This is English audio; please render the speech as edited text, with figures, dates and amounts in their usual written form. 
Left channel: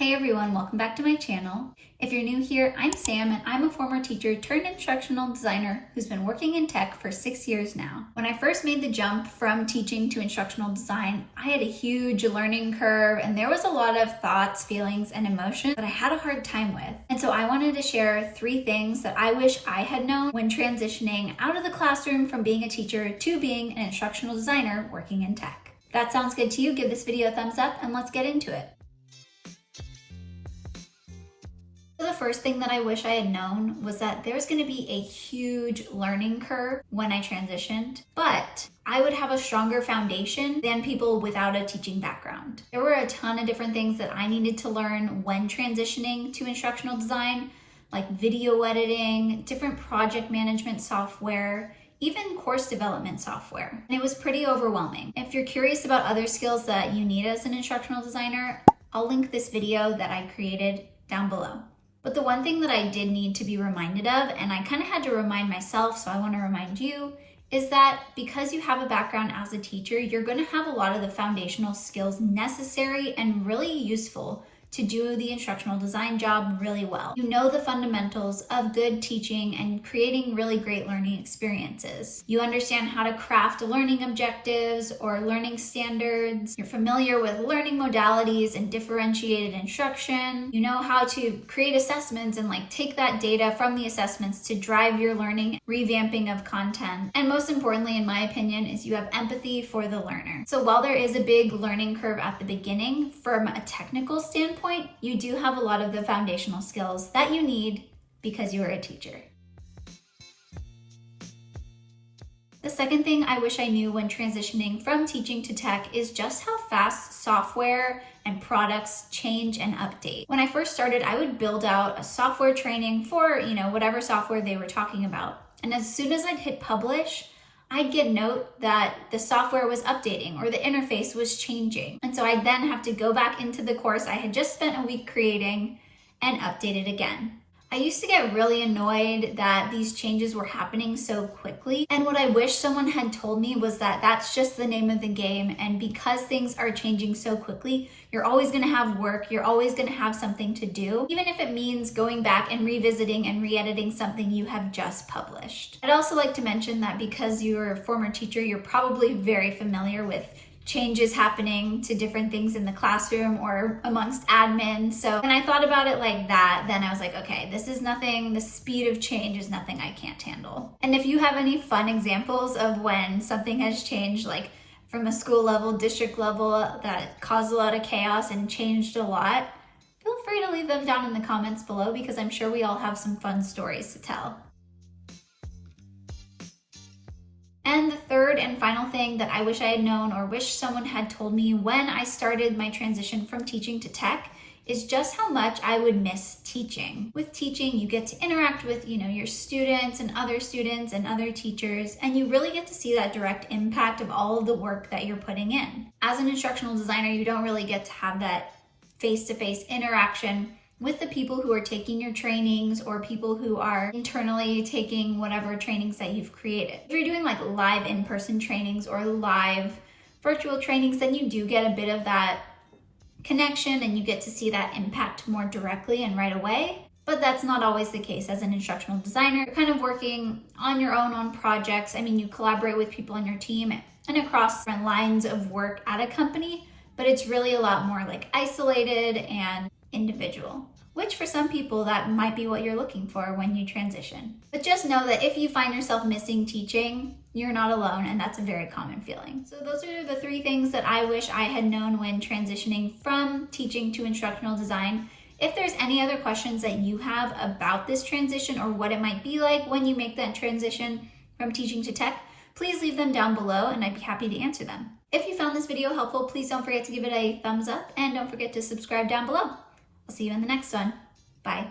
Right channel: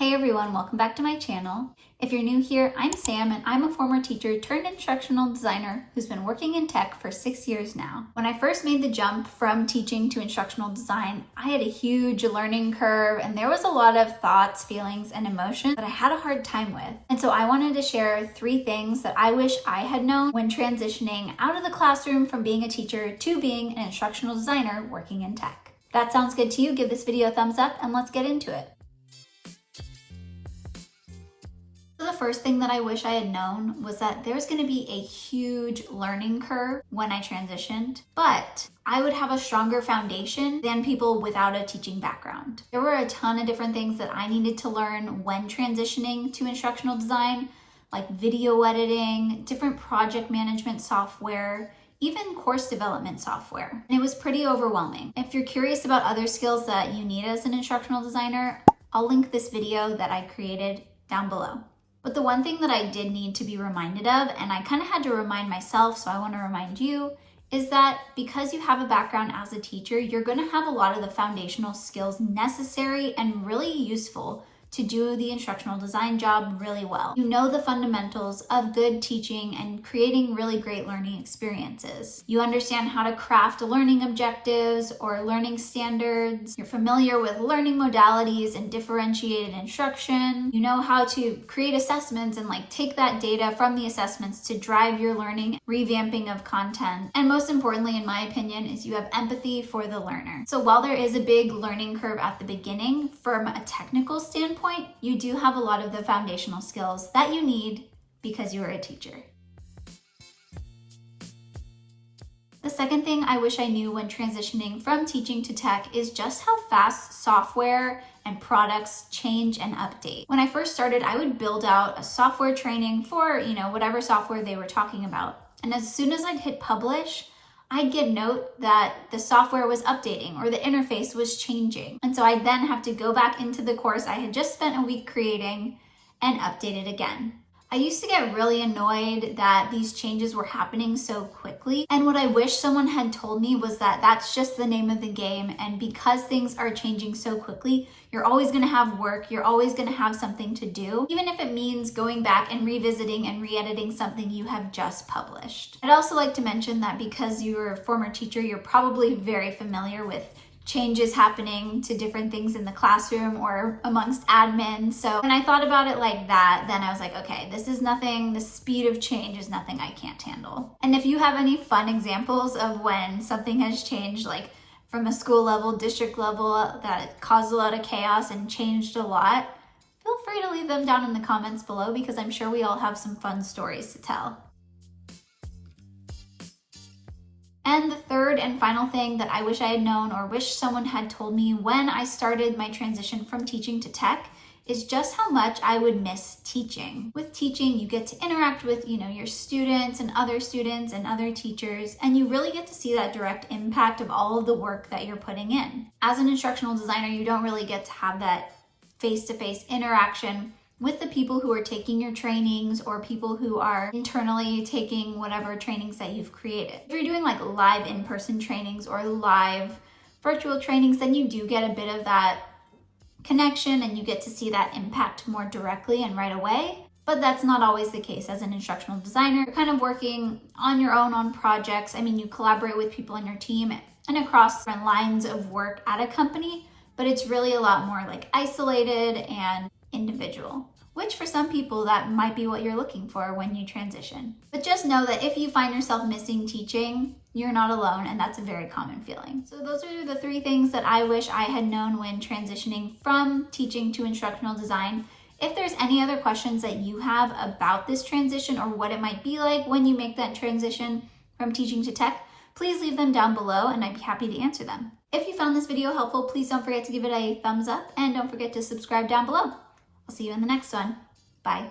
Hey everyone, welcome back to my channel. If you're new here, I'm Sam and I'm a former teacher turned instructional designer who's been working in tech for 6 years now. When I first made the jump from teaching to instructional design, I had a huge learning curve and there was a lot of thoughts, feelings, and emotions that I had a hard time with. And so I wanted to share 3 things that I wish I had known when transitioning out of the classroom from being a teacher to being an instructional designer working in tech. If that sounds good to you, give this video a thumbs up and let's get into it. So the first thing that I wish I had known was that there's going to be a huge learning curve when I transitioned, but I would have a stronger foundation than people without a teaching background. There were a ton of different things that I needed to learn when transitioning to instructional design, like video editing, different project management software, even course development software. And it was pretty overwhelming. If you're curious about other skills that you need as an instructional designer, I'll link this video that I created down below. But the one thing that I did need to be reminded of, and I kind of had to remind myself, so I want to remind you, is that because you have a background as a teacher, you're going to have a lot of the foundational skills necessary and really useful to do the instructional design job really well. You know the fundamentals of good teaching and creating really great learning experiences. You understand how to craft learning objectives or learning standards. You're familiar with learning modalities and differentiated instruction. You know how to create assessments and take that data from the assessments to drive your learning, revamping of content. And most importantly, in my opinion, is you have empathy for the learner. So while there is a big learning curve at the beginning, from a technical standpoint, you do have a lot of the foundational skills that you need because you are a teacher. The second thing I wish I knew when transitioning from teaching to tech is just how fast software and products change and update. When I first started, I would build out a software training for, whatever software they were talking about. And as soon as I'd hit publish, I'd get note that the software was updating or the interface was changing. And so I'd then have to go back into the course I had just spent a week creating and update it again. I used to get really annoyed that these changes were happening so quickly. And what I wish someone had told me was that that's just the name of the game. And because things are changing so quickly, you're always gonna have work, you're always gonna have something to do, even if it means going back and revisiting and re-editing something you have just published. I'd also like to mention that because you're a former teacher, you're probably very familiar with changes happening to different things in the classroom or amongst admins. So when I thought about it like that, then I was like, okay, this is nothing, the speed of change is nothing I can't handle. And if you have any fun examples of when something has changed, like from a school level, district level, that caused a lot of chaos and changed a lot, feel free to leave them down in the comments below because I'm sure we all have some fun stories to tell. And the third and final thing that I wish I had known or wish someone had told me when I started my transition from teaching to tech is just how much I would miss teaching. With teaching, you get to interact with, your students and other teachers, and you really get to see that direct impact of all of the work that you're putting in. As an instructional designer, you don't really get to have that face-to-face interaction with the people who are taking your trainings or people who are internally taking whatever trainings that you've created. If you're doing live in-person trainings or live virtual trainings, then you do get a bit of that connection and you get to see that impact more directly and right away. But that's not always the case as an instructional designer. You're kind of working on your own on projects. You collaborate with people on your team and across different lines of work at a company, but it's really a lot more isolated and individual, which for some people that might be what you're looking for when you transition. But just know that if you find yourself missing teaching, you're not alone, and that's a very common feeling. So those are the 3 things that I wish I had known when transitioning from teaching to instructional design. If there's any other questions that you have about this transition or what it might be like when you make that transition from teaching to tech, please leave them down below and I'd be happy to answer them. If you found this video helpful, please don't forget to give it a thumbs up and don't forget to subscribe down below. I'll see you in the next one. Bye.